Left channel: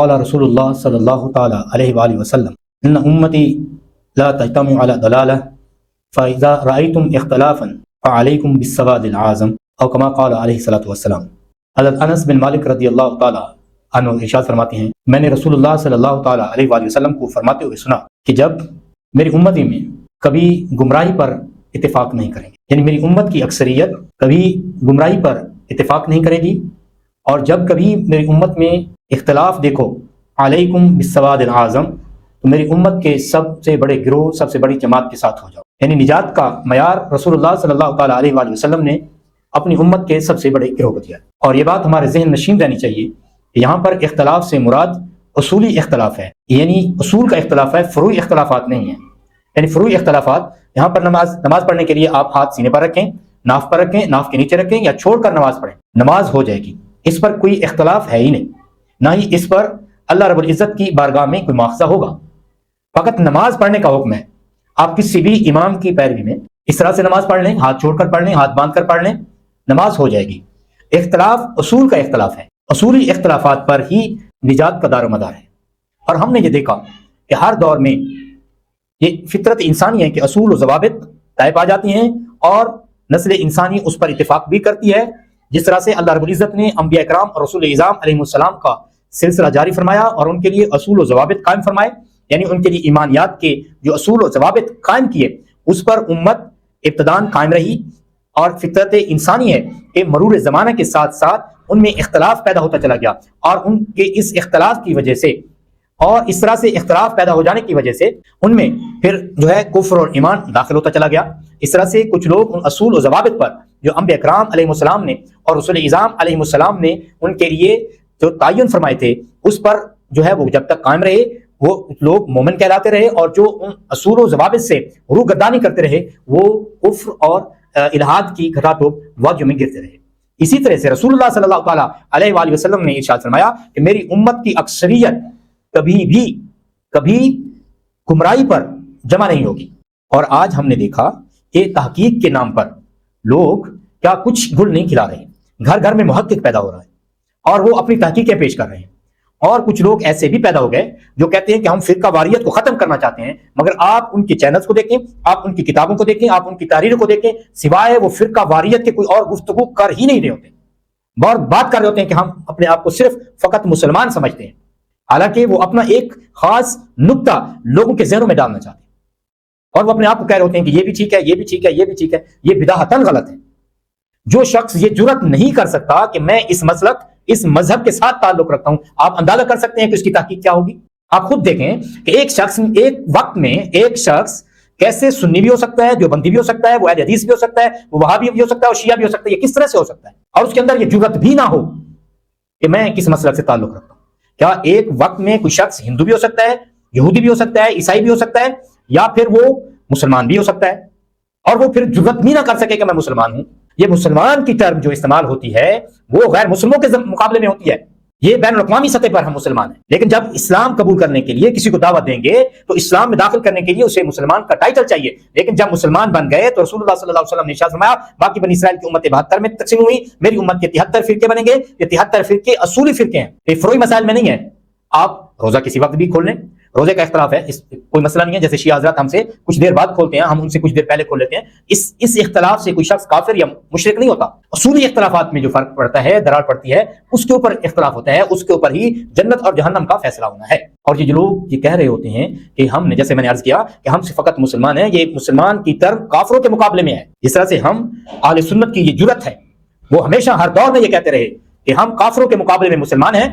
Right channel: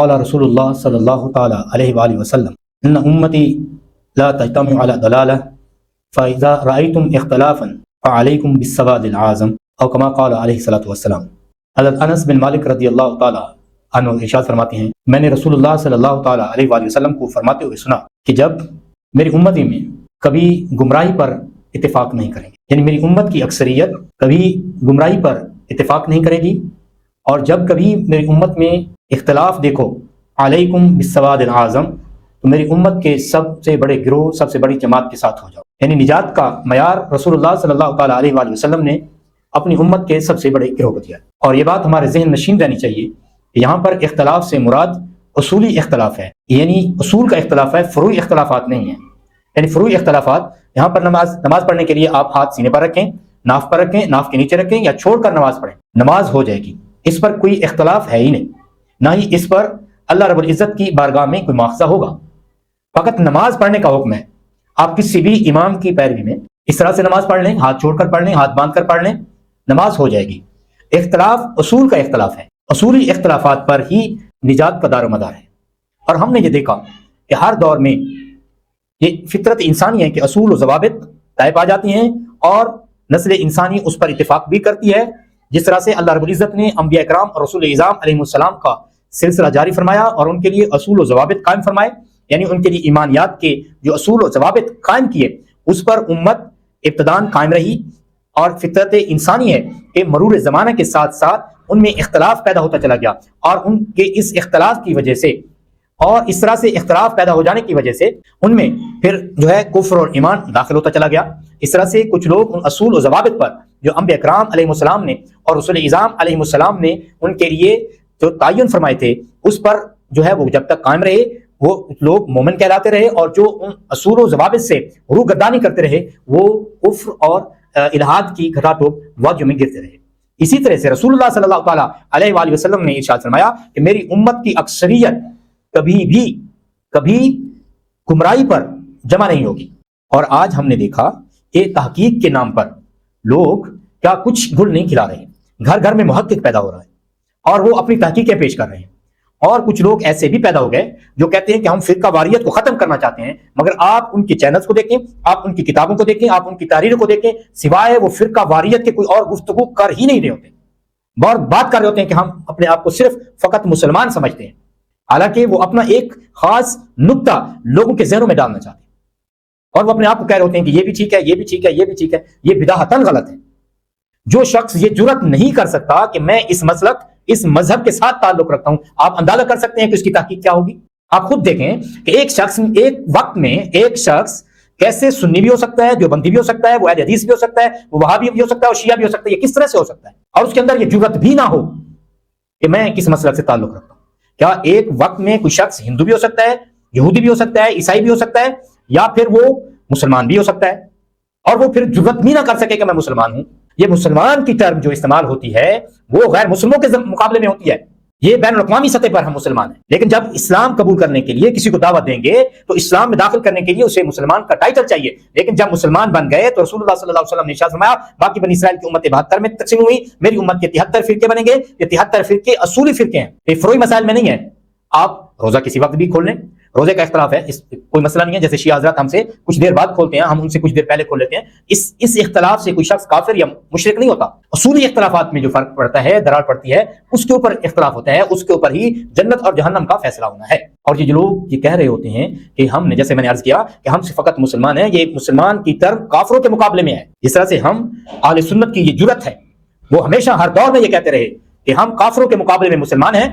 قال رسول اللہ صلی اللہ تعالی علیہ وآلہ وسلم ان امتی لا تجتمع على ضلالہ فاذا رأيتم اختلافا فعليكم بالسواد العظم او کما قال علیہ الصلوۃ والسلام۔ حضرت انس بن مالک رضی اللہ تعالی عنہ ارشاد فرماتے ہیں میں نے رسول اللہ صلی اللہ تعالی علیہ وآلہ وسلم کو فرماتے ہوئے سنا کہ جب میری امتی میں کبھی گمراہی پر اتفاق نہیں کریں گے، یعنی میری امت کی اکثریت کبھی گمراہی پر اتفاق نہیں کرے گی، اور جب کبھی میری امت میں اختلاف دیکھو علیکم بالسواد العظم، تو میری امت کے سب سے بڑے گروہ، سب سے بڑی جماعت کے ساتھ ہو جاؤ۔ یعنی نجات کا معیار رسول اللہ صلی اللہ تعالی علیہ وآلہ وسلم نے اپنی امت کے سب سے بڑے گروہ کو دیا، اور یہ بات ہمارے ذہن نشین رہنی چاہیے کہ یہاں پر اختلاف سے مراد اصولی اختلاف ہے، یعنی اصول کا اختلاف ہے، فروعی اختلافات نہیں ہیں۔ یعنی فروعی اختلافات یہاں پر نماز پڑھنے کے لیے آپ ہاتھ سینے پر رکھیں، ناف پر رکھیں، ناف کے نیچے رکھیں یا چھوڑ کر نماز پڑھیں، نماز ہو جائے گی، اس پر کوئی اختلاف ہے ہی نہیں، نہ ہی اس پر اللہ رب العزت کی بارگاہ میں کوئی مواخذہ ہوگا۔ فقط نماز پڑھنے کا حکم ہے، آپ کسی بھی امام کی پیروی میں اس طرح سے نماز پڑھ لیں، ہاتھ چھوڑ کر پڑھ لیں، ہاتھ باندھ کر پڑھ لیں، نماز ہو جائے گی۔ اختلاف اصول کا اختلاف ہے، اصولی اختلافات پر ہی نجات کا دار و مدار ہے۔ اور ہم نے یہ دیکھا کہ ہر دور میں یہ فطرت انسانی ہے کہ اصول و ضوابط طے پا جاتی ہیں اور نسل انسانی اس پر اتفاق بھی کرتی ہے، جس طرح سے اللہ رب العزت نے انبیاء کرام اور رسول اعظام علیہ السلام کا سلسلہ جاری فرمایا اور ان کے لیے اصول و ضوابط قائم فرمائے، یعنی ان کے لیے ایمانیات کے جو اصول و ضوابط قائم کیے اس پر امت ابتداءً قائم رہی۔ اور فطرت انسانی ہے کہ مرور زمانے کے ساتھ ساتھ ان میں اختلاف پیدا ہوتا چلا گیا، اور ان کے اس اختلاف کی وجہ سے اور اس طرح سے اختلاف پیدا ہو جانے کی وجہ سے ان میں پھر جو ہے کفر اور ایمان داخل ہوتا چلا گیا۔ اس طرح سے کچھ لوگ ان اصول و ضوابط پر جو انبیاء کرام علیہ السلام نے اور رسول اعظام علیہ السلام نے ان کے لیے جو تعین فرمائے تھے اس پر جو ہے وہ جب تک قائم رہے وہ لوگ مومن کہلاتے رہے، اور جو ان اصول و ضوابط سے روگردانی کرتے رہے وہ کفر اور الحاد کی گھٹا ٹوپ وادیوں میں گرتے رہے۔ اسی طرح سے رسول اللہ صلی اللہ تعالی علیہ وآلہ وسلم نے ارشاد فرمایا کہ میری امت کی اکثریت کبھی گمراہی پر جمع نہیں ہوگی۔ اور آج ہم نے دیکھا کہ تحقیق کے نام پر لوگ کیا کچھ گل نہیں کھلا رہے، گھر گھر میں محقق پیدا ہو رہے ہیں اور وہ اپنی تحقیقیں پیش کر رہے ہیں، اور کچھ لوگ ایسے بھی پیدا ہو گئے جو کہتے ہیں کہ ہم فرقہ واریت کو ختم کرنا چاہتے ہیں، مگر آپ ان کے چینلز کو دیکھیں، آپ ان کی کتابوں کو دیکھیں، آپ ان کی تحریروں کو دیکھیں، سوائے وہ فرقہ واریت کے کوئی اور گفتگو کر ہی نہیں رہے ہوتے، اور بات کر رہے ہوتے ہیں کہ ہم اپنے آپ کو صرف فقط مسلمان سمجھتے ہیں، حالانکہ وہ اپنا ایک خاص نقطہ لوگوں کے ذہنوں میں ڈالنا چاہتے ہیں، اور وہ اپنے آپ کو کہہ رہے ہوتے ہیں کہ یہ بھی ٹھیک ہے، یہ بھی ٹھیک ہے، یہ بھی ٹھیک ہے۔ یہ بدعتاً غلط ہے۔ جو شخص یہ جرأت نہیں کر سکتا کہ میں اس مسلک، اس مذہب کے ساتھ تعلق رکھتا ہوں، آپ اندازہ کر سکتے ہیں کہ اس کی تحقیق کیا ہوگی۔ آپ خود دیکھیں کہ ایک وقت میں ایک شخص کیسے سنی بھی ہو سکتا ہے، دیوبندی بھی ہو سکتا ہے، وہ اہل حدیث بھی ہو سکتا ہے، وہ وہابی بھی ہو سکتا ہے اور شیعہ بھی ہو سکتا ہے۔ یہ کس طرح سے ہو سکتا ہے؟ اور اس کے اندر یہ جرأت بھی نہ ہو کہ میں کس مسلک سے تعلق رکھتا ہوں۔ کیا ایک وقت میں کوئی شخص ہندو بھی ہو سکتا ہے، یہودی بھی ہو سکتا ہے، عیسائی بھی ہو سکتا ہے، یا پھر وہ مسلمان بھی ہو سکتا ہے، اور وہ پھر جرأت بھی نہ کر سکے کہ میں مسلمان ہوں؟ یہ مسلمان کی ٹرم جو استعمال ہوتی ہے وہ غیر مسلموں کے مقابلے میں ہوتی ہے، یہ بین الاقوامی سطح پر ہم مسلمان ہیں، لیکن جب اسلام قبول کرنے کے لیے کسی کو دعوت دیں گے تو اسلام میں داخل کرنے کے لیے اسے مسلمان کا ٹائٹل چاہیے، لیکن جب مسلمان بن گئے تو رسول اللہ صلی اللہ علیہ وسلم نے ارشاد فرمایا باقی بنی اسرائیل کی امت 72 میں تقسیم ہوئی، میری امت کے 73 فرقے بنیں گے، یہ 73 فرقے اصولی فرقے ہیں، یہ فروعی مسائل میں نہیں ہیں۔ آپ روزہ کسی وقت بھی کھول لیں، روزے کا اختلاف ہے، کوئی مسئلہ نہیں ہے، جیسے شیعہ حضرات ہم سے کچھ دیر بعد کھولتے ہیں، ہم ان سے کچھ دیر پہلے کھول لیتے ہیں، اس اختلاف سے کوئی شخص کافر یا مشرک نہیں ہوتا۔ اصولی اختلافات میں جو فرق پڑتا ہے، درار پڑتی ہے، اس کے اوپر اختلاف ہوتا ہے، اس کے اوپر ہی جنت اور جہنم کا فیصلہ ہونا ہے۔ اور یہ جو لوگ یہ کہہ رہے ہوتے ہیں کہ ہم نے، جیسے میں نے عرض کیا کہ ہم سے فقط مسلمان ہیں، یہ مسلمان کی ٹرم کافروں کے مقابلے میں ہے۔ جس طرح سے ہم اہل سنت کی یہ جرأت ہے، وہ ہمیشہ ہر دور میں یہ کہتے رہے کہ ہم کافروں کے مقابلے میں مسلمان ہیں،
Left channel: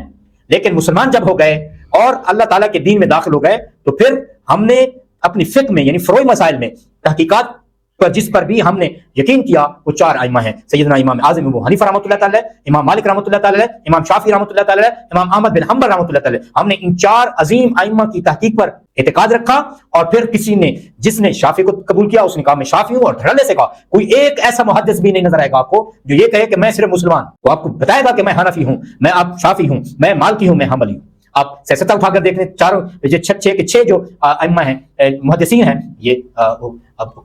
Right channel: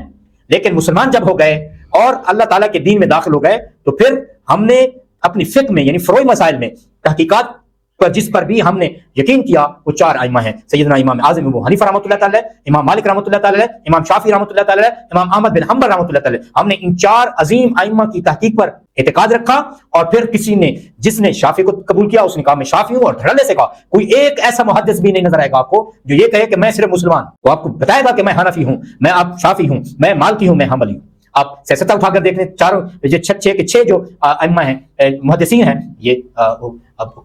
لیکن مسلمان جب ہو گئے اور اللہ تعالیٰ کے دین میں داخل ہو گئے تو پھر ہم نے اپنی فقہ میں یعنی فروعی مسائل میں تحقیقات پر جس پر بھی ہم نے یقین کیا وہ 4 ائمہ ہیں، سیدنا امام اعظم ابو حنیفہ رحمۃ اللہ تعالی، امام مالک رحمۃ اللہ تعالی، امام شافعی رحمۃ اللہ تعالی، امام احمد بن حنبل رحمۃ اللہ تعالی۔ ہم نے ان 4 عظیم ائمہ کی تحقیق پر اعتقاد رکھا، اور پھر کسی نے جس نے شافعی کو قبول کیا اس نے کہا میں شافعی ہوں، اور دھڑلے سے کہا۔ کوئی ایک ایسا محدث بھی نہیں نظر آئے گا آپ کو جو یہ کہے کہ میں صرف مسلمان، وہ آپ کو بتائے گا کہ میں حنفی ہوں، میں آپ شافعی ہوں، میں مالکی ہوں، میں حنبلی ہوں۔ آپ سلسلہ اٹھا کر دیکھیں، چاروں یہ 6 جو ائمہ ہیں، محدثین ہیں، یہ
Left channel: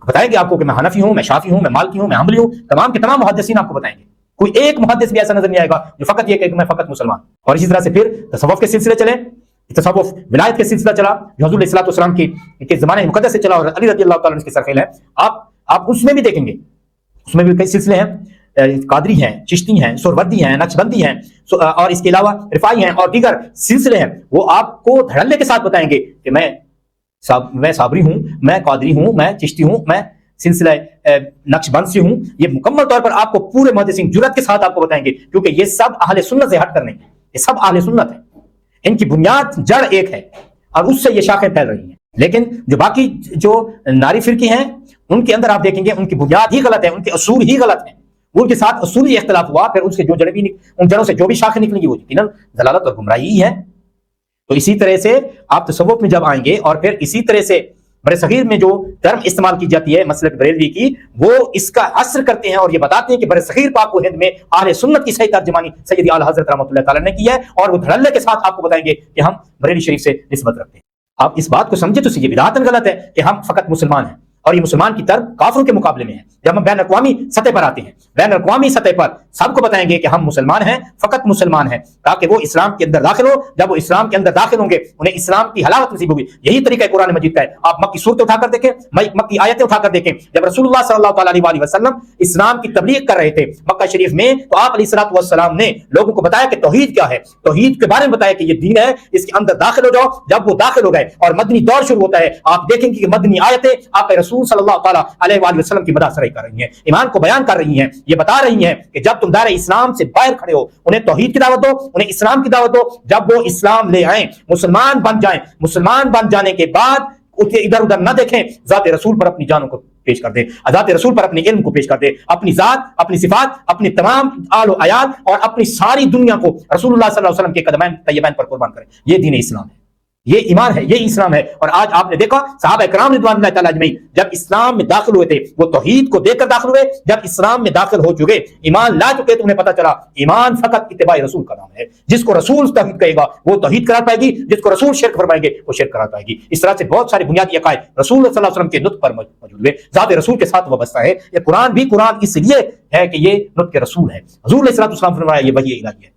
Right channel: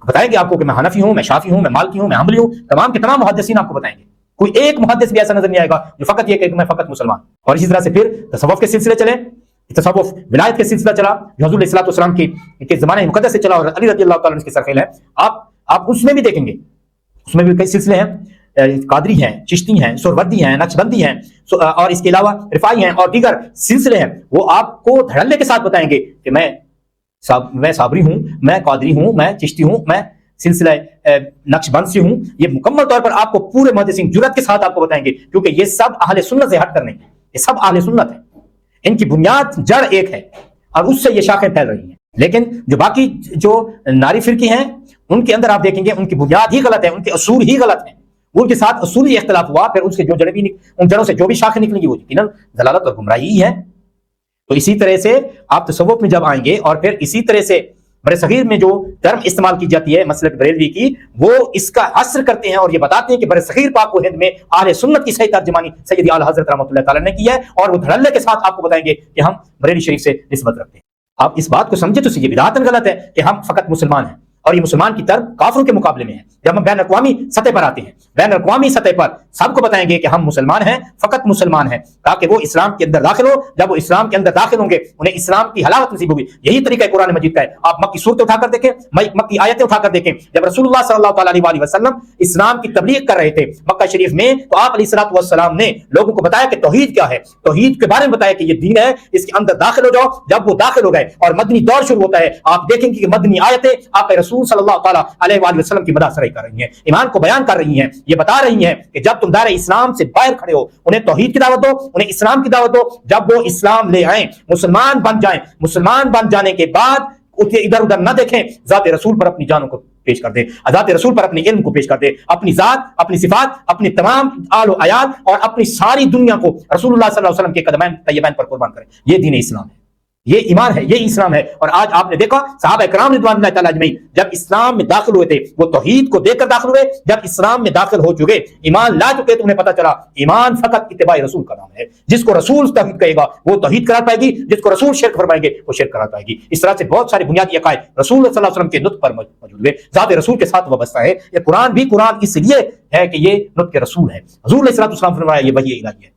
بتائیں گے آپ کو کہ میں حنفی ہوں، میں شافعی ہوں، میں مالکی ہوں، میں حنبلی ہوں، تمام کے تمام محدثین آپ کو بتائیں گے۔ کوئی ایک محدث بھی ایسا نظر نہیں آئے گا جو فقط یہ کہ میں فقط مسلمان. اور اسی طرح سے پھر تصوف کے سلسلے چلے, تصوف ولایت کے سلسلہ چلا جو حضور علیہ السلام کے زمانے مقدس سے چلا اور علی رضی اللہ تعالیٰ عنہ کے سرفیل ہیں. آپ اس میں بھی دیکھیں گے, اس میں بھی کئی سلسلے ہیں, قادری ہیں, چشتی ہیں, سہروردی ہیں, نقشبندی ہیں, اور اس کے علاوہ رفاعی ہیں اور دیگر سلسلے ہیں. وہ آپ کو دھڑلے کے ساتھ بتائیں گے کہ میں صابری ہوں, میں قادری ہوں, میں چشتی ہوں, میں سلسلہ نقش بند سے ہوں. یہ مکمل طور پر آپ کو پورے محدثین جرأت کے ساتھ آپ کو بتائیں گے, کیونکہ یہ سب اہل سنت سے ہٹ کر نہیں, یہ سب اہل سنت ہے, ان کی بنیاد جڑ ایک ہے اور اس سے یہ شاخیں پھیل رہی ہیں. لیکن جو باقی جو ناری فرقے ہیں ان کے اندر آپ دیکھیں گے ان کی بنیاد ہی غلط ہے, ان کے اصول ہی غلط ہیں, ان کے ساتھ اصولی اختلاف ہوا, پھر ان سے جو جڑیں بھی ان جڑوں سے جو بھی شاخیں نکلیں گی وہ یقیناً ضلالت اور گمراہی ہے. تو اسی طرح سے آپ تصوف میں جب آئیں گے اور پھر اسی طرح سے بر صغیر میں جو ٹرم استعمال کی جاتی ہے مسلک بریلوی کی, وہ اس کا حصر کرتے ہیں اور یہ بتاتے ہیں کہ بر صغیر پاک و ہند میں اہل سنت کی صحیح ترجمانی سید اعلی حضرت رحمۃ اللہ تعالیٰ نے کی ہے, اور وہ دھڑلے کے ساتھ آپ کو بتائیں گے کہ ہم بریلی شریف سے نسبت رکھتے ہیں. آپ اس بات کو سمجھے تو یہ بدعتاً غلط ہے کہ ہم فقط مسلمان ہیں, اور یہ مسلمان کی طرح کافروں کے مقابلے میں ہے. جب ہم بین الاقوامی سطح پر آتے ہیں, بین الاقوامی سطح پر سب کو بتائیں گے کہ ہم مسلمان ہیں, فقط مسلمان ہیں, تاکہ وہ اسلام کے اندر داخل ہو. جب وہ اسلام کے اندر داخل ہوں گے انہیں اسلام کی حلاوت نصیب ہوگی. یہی طریقہ قرآن مجید کا ہے. آپ مکی صورتیں اٹھا کر دیکھیں, مکی آیتیں اٹھا کر دیکھیں. جب رسول اللہ صلی اللہ تعالیٰ علیہ وسلم اسلام کی تبلیغ کر رہے تھے مکہ شریف میں, تو آپ علیہ الصلوۃ والسلام نے لوگوں کو بتایا کہ توحید کیا ہے, توحید کے بارے میں بتایا کہ یہ دین ہے, اس کے اندر داخل ہو جاؤ. جب وہ داخل ہو گئے اور مدنی دور شروع ہوتا ہے, آپ دیکھیں کہ یہ مدنی آیتیں آپ کے رسول صلی اللہ تعالیٰ علیہ وسلم کی مداح سرائی کر رہی ہیں, ایمان کو بیان کر رہی ہیں. یہ بتا رہی ہیں کہ جب تم دار اسلام سے باہر کھڑے ہو, انہیں توحید کی دعوت دو, انہیں اسلام کی دعوت دو. جب وہ اسلام لے آئیں, مسلمان بن جائیں, مسلمان بن جانے کے بعد ادھر ادھر نہ دیکھیں, ذات رسول پر اپنی جانوں کو پیش کر دیں, ذات رسول پر اپنے علم کو پیش کر دیں, اپنی ذات, اپنی صفات, اپنی تمام آل و عیال اور اپنی ساری دنیا کو رسول اللہ صلی اللہ علیہ وسلم کے قدمین طیبین پر قربان کریں. یہ دین اسلام ہے, یہ ایمان ہے, یہ اسلام ہے. اور آج آپ نے دیکھا صحابہ کرام رضوان اللہ تعالیٰ اجمعین جب اسلام میں داخل ہوئے تھے وہ توحید کو دیکھ کر داخل ہوئے. جب اسلام میں داخل ہو چکے, ایمان لا چکے, تو انہیں پتا چلا ایمان فقط اتباع رسول کا نام ہے. جس کو رسول توحید کہے گا وہ توحید کرا پائے گی, جس کو رسول شرک فرمائے گے وہ شرک کرا پائے گی. اس طرح سے بہت سارے بنیادی عقائد رسول صلی اللہ علیہ وسلم کے نطق پر موجود ہے, ذات رسول کے ساتھ وابستہ ہے. یہ قرآن بھی قرآن اس لیے ہے کہ یہ نطق رسول ہے. حضور علیہ السلام فرمایا یہ وحی الہی ہے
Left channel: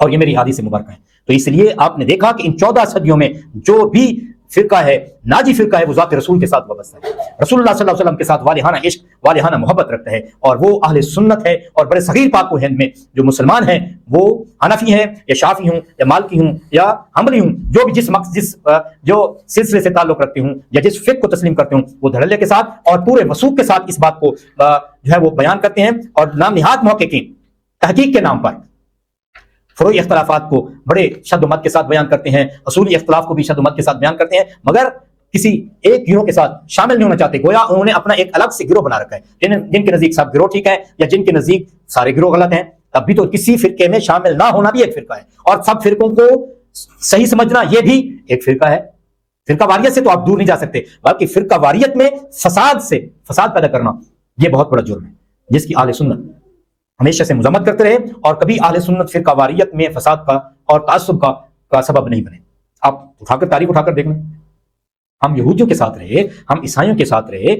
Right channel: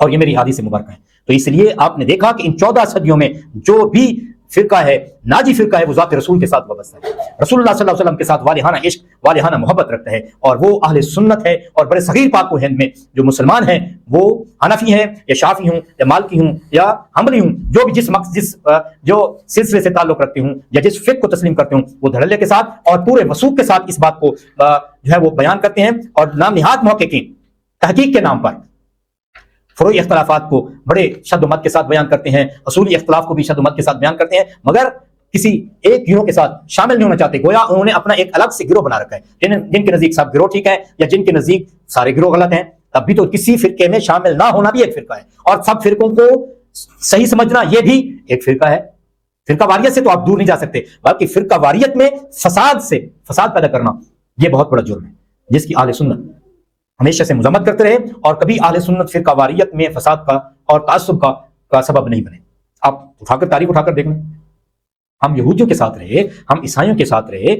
اور یہ میری حدیث مبارکہ ہے. تو اس لیے آپ نے دیکھا کہ ان 14 صدیوں میں جو بھی فرقہ ہے, ناجی فرقہ ہے, وہ ذات رسول کے ساتھ وابستہ ہے, رسول اللہ صلی اللہ علیہ وسلم کے ساتھ والہانہ عشق, والہانہ محبت رکھتے ہیں, اور وہ اہل سنت ہے. اور بڑے صغیر پاک و ہند میں جو مسلمان ہیں وہ حنفی ہیں یا شافعی ہوں یا مالکی ہوں یا حنبلی ہوں, جو بھی جس جو سلسلے سے تعلق رکھتے ہوں یا جس فقہ کو تسلیم کرتے ہوں, وہ دھڑلے کے ساتھ اور پورے وثوق کے ساتھ اس بات کو جو ہے وہ بیان کرتے ہیں, اور نام نہاد موقع کی تحقیق کے نام پر فروعی اختلافات کو بڑے شد و مت کے ساتھ بیان کرتے ہیں, اصولی اختلاف کو بھی شد و مت کے ساتھ بیان کرتے ہیں, مگر کسی ایک گروہ کے ساتھ شامل نہیں ہونا چاہتے. گویا انہوں نے اپنا ایک الگ سے گروہ بنا رکھا ہے. جن کے نزدیک سب گروہ ٹھیک ہے یا جن کے نزدیک سارے گروہ غلط ہیں, تب بھی تو کسی فرقے میں شامل نہ ہونا بھی ایک فرقہ ہے, اور سب فرقوں کو صحیح سمجھنا یہ بھی ایک فرقہ ہے. فرقہ واریت سے تو آپ دور نہیں جا سکتے, باقی فرقہ واریت میں فساد پیدا کرنا یہ بہت بڑا جرم ہے, جس کی اہل سنت ہمیشہ سے مذمت کرتے رہے, اور کبھی اہل سنت فرقہ واریت میں فساد کا اور تعصب کا سبب نہیں بنے. آپ اٹھا کر تاریخ اٹھا کر دیکھنا, ہم یہودیوں کے ساتھ رہے, ہم عیسائیوں کے ساتھ رہے,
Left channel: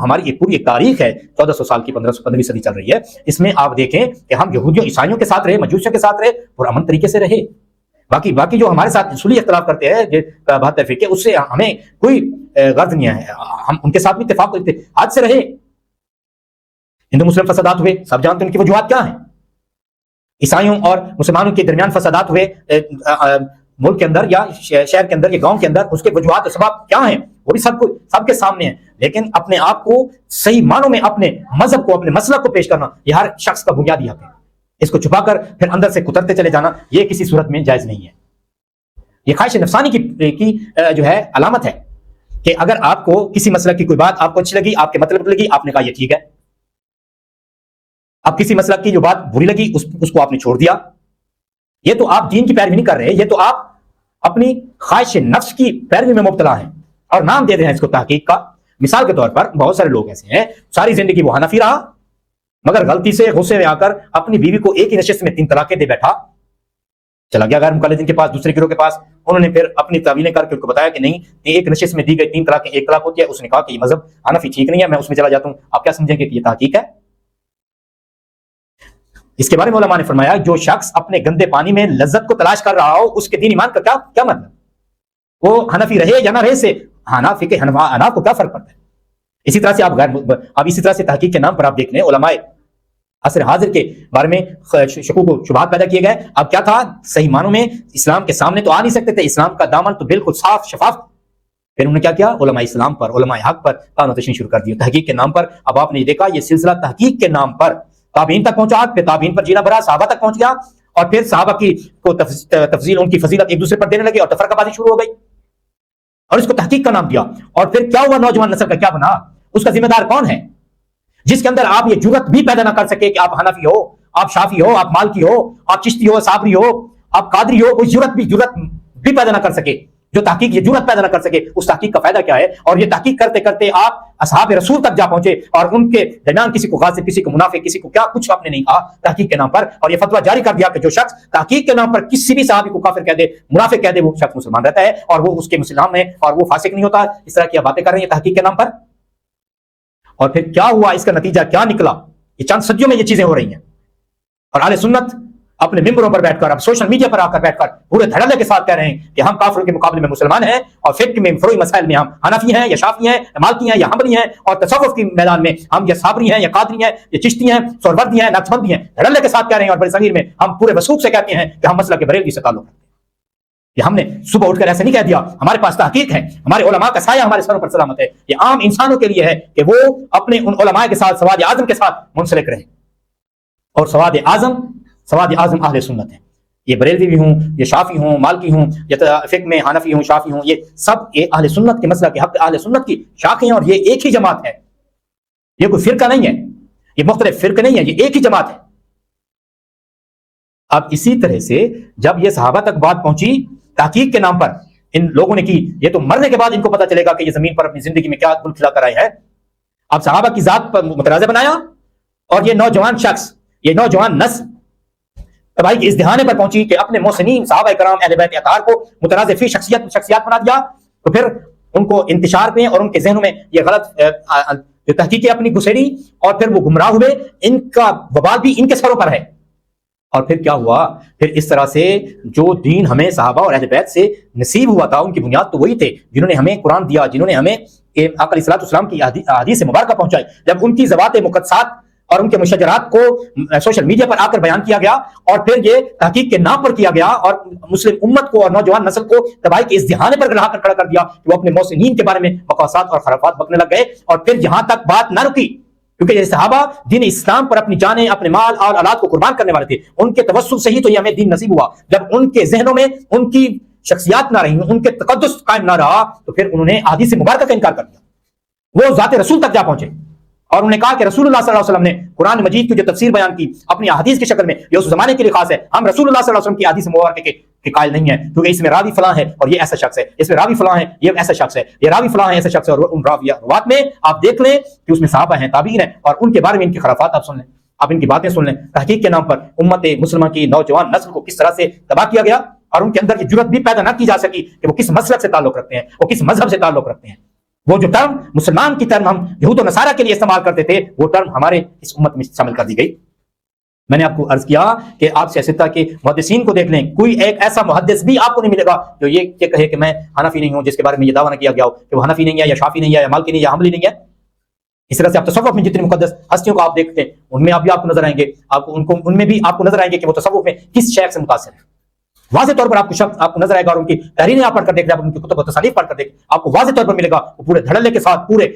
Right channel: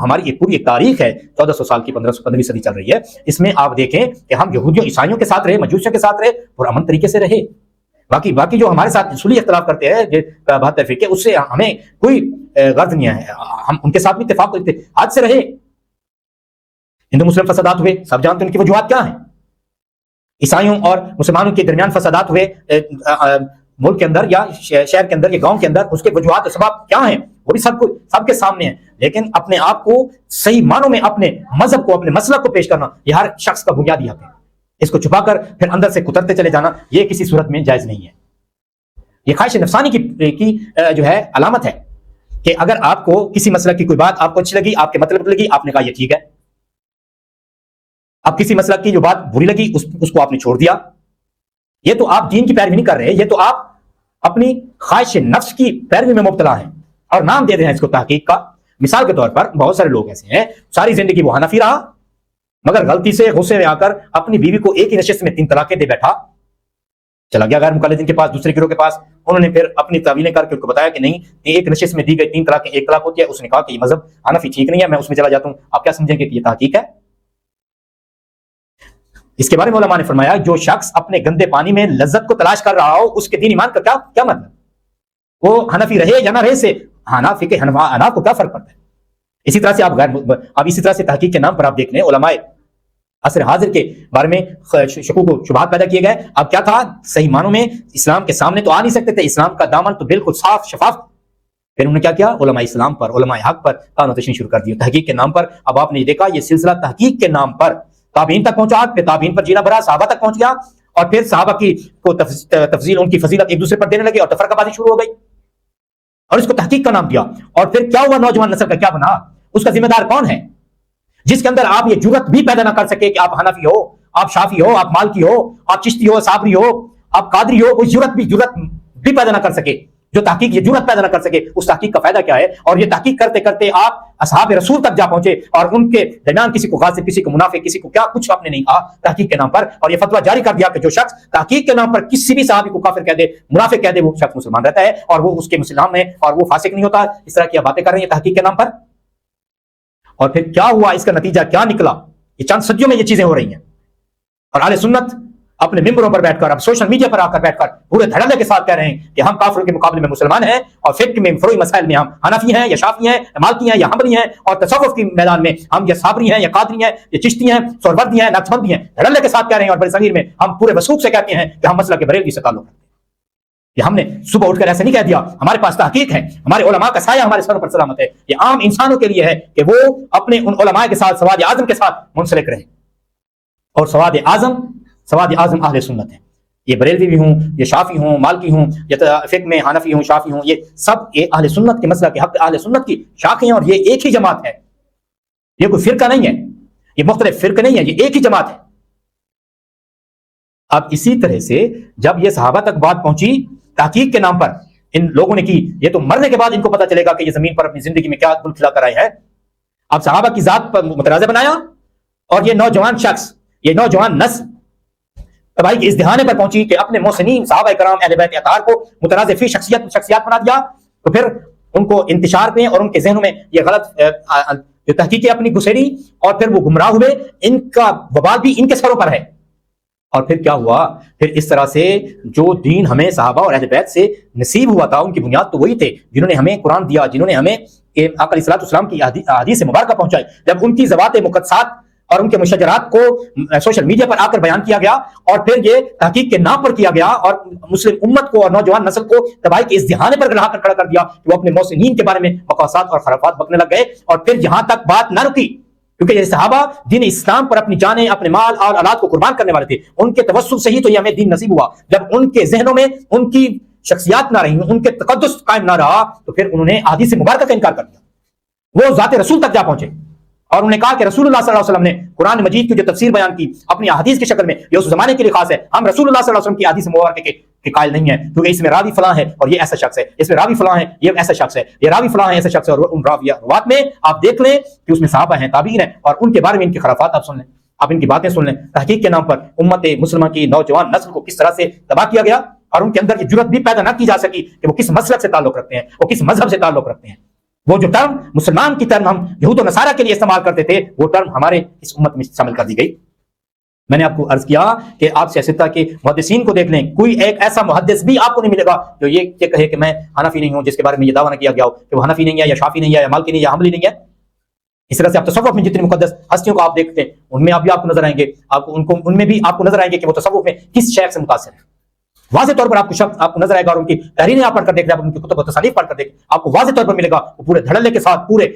ہماری ایک پوری تاریخ ہے 1400 سال کی 1500 صدی چل رہی ہے. اس میں آپ دیکھیں کہ ہم یہودیوں عیسائیوں کے ساتھ رہے, مجوسیوں کے ساتھ رہے, پرامن طریقے سے رہے. باقی جو ہمارے ساتھ اصولی اختلاف کرتے ہیں 72 فرقے, اس سے ہمیں کوئی غرض نہیں ہے, ہم ان کے ساتھ بھی اتفاق کرتے آج سے رہے. ہندو مسلم فسادات ہوئے, سب جانتے ہیں ان کی وجوہات کیا ہیں. عیسائیوں اور مسلمانوں کے درمیان فسادات ہوئے ملک کے اندر یا شہر کے اندر یا گاؤں کے اندر, اس کے وجوہات و اسباب کیا ہیں وہ بھی سب کے سامنے ہیں. لیکن اپنے آپ کو صحیح معنوں میں اپنے مذہب کو, اپنے مسلک کو پیش کرنا یہ ہر شخص کا بنیادی حق ہے. اس کو چھپا کر پھر اندر سے کترتے چلے جانا یہ کسی صورت میں جائز نہیں ہے. یہ خواہش نفسانی کی جو ہے علامت ہے کہ اگر آپ کو کسی مسلک کی کوئی بات آپ کو اچھی لگی, آپ کے مطلب لگی, آپ نے کہا یہ ٹھیک ہے. اب کسی مسلک کی جو بات بری لگی اس کو آپ نے چھوڑ دیا. یہ تو آپ دین کی پیروی نہیں کر رہے, یہ تو آپ اپنی خواہش نفس کی پیروی میں مبتلا ہیں اور نام دے رہے ہیں اس کو تحقیق کا. مثال کے طور پر بہت سارے لوگ ایسے ہیں ساری زندگی وہ حنفی رہا, مگر غلطی سے غصے میں آ کر اپنی بیوی کو ایک ہی نشست میں 3 طلاقیں دے بیٹھا, چلا گیا غیر مقلدین کے پاس, دوسرے گروہ کے پاس. انہوں نے پھر اپنی تعویلیں کر کے ان کو بتایا کہ نہیں, یہ ایک نشست میں دی گئی 3 طلاقیں 1 طلاق ہوتی ہے. اس نے کہا کہ یہ مذہب حنفی ٹھیک نہیں ہے, میں اس میں چلا جاتا ہوں. آپ کیا سمجھیں گے کہ یہ تحقیق ہے؟ اس کے بارے میں علماء نے فرمایا جو شخص اپنے گندے پانی میں لذت کو تلاش کر رہا ہو اس کے دین ایمان کا کیا مطلب؟ وہ حنفی رہے یا نہ رہے سے حناف کو کیا فرق پڑتا ہے؟ اسی طرح سے آپ اسی طرح سے تحقیق کے نام پر آپ دیکھ لیں علماء عصر حاضر کے بارے میں شکوک و شبہات پیدا کیے گئے. اب کیا تھا؟ صحیح معنوں میں اسلام کے سامنے تو آ نہیں سکتے تھے، اسلام کا دامن تو بالکل صاف شفاف. پھر انہوں نے کیا کیا؟ علماء اسلام پر، علماء حق پر طعن و تشنیع شروع کر دی تحقیق کے نام پر. اب آپ نے دیکھا یہ سلسلہ تحقیق کے نام پر تابعین تک پہنچا، پھر تابعین پر جینا بھرا صحابہ تک پہنچ گیا، اور پھر صحابہ کی تفضیل، ان کی فضیلت ایک دوسرے پر دینے لگے اور تفرقہ بازی شروع ہو گئی، اور اس کو تحقیق کا نام دیا. اور پھر کیا ہوا؟ نوجوان نسل کا کیا بنا؟ اس کا ذمہ دار کون ہے؟ جس کے اندر آپ یہ جرت بھی پیدا نہ کر سکے کہ آپ حنفی ہو، آپ شافی ہو، آپ مالکی ہو، آپ چشتی ہو، صابری ہو، آپ قادری ہو، کوئی جرت بھی پیدا نہ کر سکے، جو تحقیق یہ جرت پیدا نہ کر سکے، اس تحقیق کا فائدہ کیا ہے؟ اور یہ تحقیق کرتے کرتے آپ اصحاب رسول تک جا پہنچے، اور ان کے درمیان کسی کو غاصب، کسی کو منافق، کسی کو کیا کچھ آپ نے نہیں کہا تحقیق کے نام پر، اور یہ فتویٰ جاری کر دیا کہ جو شخص تحقیق کے نام پر کسی بھی صحابی کو کافر کہہ دے، منافق کہہ دے، وہ شخص مسلمان رہتا ہے اور وہ اس کے مسلمان میں اور وہ فاسق نہیں ہوتا. اس طرح کی باتیں کر رہے ہیں تحقیق کے نام پر. اور پھر کیا ہوا؟ اس کا نتیجہ کیا نکلا؟ یہ چند صدیوں میں یہ چیزیں ہو رہی ہیں، اور اہل سنت اپنے ممبروں پر بیٹھ کر، اب سوشل میڈیا پر آ کر بیٹھ کر پورے دھڑلے کے ساتھ کہہ رہے ہیں کہ ہم کافروں کے مقابلے میں مسلمان ہیں، اور فقہ میں فروعی مسائل میں ہم حنفی ہیں یا شافعی ہیں یا مالکی ہیں یا حنبلی ہیں، اور تصوف کے میدان میں ہم یا صابری ہیں یا قادری ہیں یا چشتی ہیں، سہروردی ہیں، نقشبندی ہیں. دھڑلے کے ساتھ کہہ رہے ہیں، اور برصغیر میں ہم پورے وثوق سے کہتے ہیں کہ ہم مسلک بریلوی سے تعلق ہے. یہ ہم نے صبح اٹھ کر ایسے نہیں کہہ دیا، ہمارے پاس تحقیق ہے، ہمارے علماء کا سایہ ہمارے سروں پر سلامت ہے. یہ عام انسانوں کے لیے ہے کہ وہ اپنے ان علماء کے ساتھ سواد اعظم کے ساتھ منسلک رہے، اور سواد اعظم اہل سنت ہے. یہ بریلوی بھی ہوں، یہ شافی ہوں، مالکی ہوں، یا فقہ میں حنفی ہوں، شافی ہوں، یہ سب اہل سنت کے مسلک کے اہل سنت کی شاخیں ہیں، اور یہ ایک ہی جماعت ہے. یہ کوئی فرقہ نہیں ہے، یہ مختلف فرقے نہیں ہے، یہ ایک ہی جماعت ہے. اب اسی طرح سے جب یہ صحابہ تک بات پہنچی تحقیق کے نام پر ان لوگوں نے کی، یہ تو مرنے کے بعد ان کو پتا چلے گا کہ یہ زمین پر اپنی زندگی میں کیا گل کھلا کر آئے ہیں. اب صحابہ کی ذات پر متنازع بنایا، اور یہ نوجوان شخص، یہ نوجوان نسل تباہی کے اس دہانے پر پہنچی کہ اپنے محسنین صحابہ کرام اہل بیت اطہار کو متنازع فی شخصیات بنا دیا. تو پھر ان کو انتشار میں اور ان کے ذہنوں میں یہ غلط تحقیقیں اپنی گسیڑی، اور پھر وہ گمراہ ہوئے. ان کا وبال بھی ان کے سروں پر ہے. اور پھر کیا ہوا؟ پھر اس طرح سے جو دین ہمیں صحابہ اور اہل بیت سے نصیب ہوا تھا، ان کی بنیاد تو وہی تھے جنہوں نے ہمیں قرآن دیا، جنہوں نے ہمیں آقا علیہ السلام کی احادیث مبارکہ پہنچائی. اب ان کی ذوات مقدسات اور ان کے مشجرات کو سوشل میڈیا پر آ کر بیان کیا گیا، اور پھر یہ تحقیق کے نام پر کیا گیا، اور مسلم امت کو اور نوجوان نسل کو تباہی کے اس دہانے پر لا کر کھڑا کر دیا کہ وہ اپنے محسنین کے بارے میں مقاصد اور خرافات بکنے لگ گئے. اور پھر یہاں تک بات نہ رکی، کیونکہ یہ صحابہ دین اسلام پر اپنی جانیں، اپنے مال اور اولاد کو قربان کرنے والے تھے. ان کے توسط سے ہی تو یہ ہمیں دین نصیب ہوا. جب ان کے ذہنوں میں ان کی شخصیات نہ رہی، ان کے تقدس قائم نہ رہا، تو پھر انہوں نے احادیث مبارکہ کا انکار کر دیا. وہ ذات رسول تک جا پہنچے، اور انہوں نے کہا کہ رسول اللہ صلی اللہ علیہ وسلم نے قرآن مجید کی جو تفسیر بیان کی اپنی احادیث کی شکل میں، یہ اس زمانے کے لیے خاص ہے. ہم رسول اللہ صلی اللہ علیہ وسلم کی احادیث مبارکہ کے قائل نہیں ہے، کیونکہ اس میں راوی فلاں ہے اور یہ ایسا شخص ہے، اس میں راوی فلاں ہے یہ ایسا شخص ہے، یہ راوی فلاں ہے ایسا شخص ہے. اور ان روات میں آپ دیکھ لیں کہ اس میں صحابہ ہیں، تابعین ہیں، اور ان کے بارے میں ان کی خرافات آپ سن لیں، آپ ان کی باتیں سن لیں. تحقیق کے نام پر امت مسلمہ کی نوجوان نسل کو کس طرح سے تباہ کیا گیا، اور ان کے اندر یہ جرت بھی پیدا نہ کی جا سکی کہ وہ کس مسلک سے تعلق رکھتے ہیں، وہ کس مذہب سے تعلق رکھتے ہیں. وہ جو ٹرم مسلمان کی ٹرم ہم یہود و نصارہ کے لیے استعمال کرتے تھے، وہ ٹرم ہمارے اس امت میں شامل کر دی گئی. میں نے آپ کو عرض کیا کہ آپ سیاستہ کے محدثین کو دیکھ لیں، کوئی ایک ایسا محدث بھی آپ کو نہیں ملے گا جو یہ کہے کہ میں حنفی نہیں ہوں، جس کے بارے میں یہ دعویٰ نہ کیا گیا ہو کہ وہ حنفی نہیں ہے یا شافی نہیں ہے یا مالکی نہیں ہے یا حنبلی نہیں ہے. اس طرح سے آپ تصوف میں جتنی مقدس ہستیوں کو آپ دیکھتے ہیں، ان میں بھی آپ کو نظر آئیں گے، ان میں بھی آپ کو نظر آئیں گے کہ وہ تصوف میں کس شیخ سے متاثر ہے. واضح طور پر آپ کو شخص آپ کو نظر آئے گا، اور ان کی تحریریں آپ پڑھ کر دیکھ رہے ہیں، ان کی کتب و تصانیف پڑھ کر دیکھ، آپ کو واضح طور پر ملے گا وہ پورے دھڑلے کے ساتھ، پورے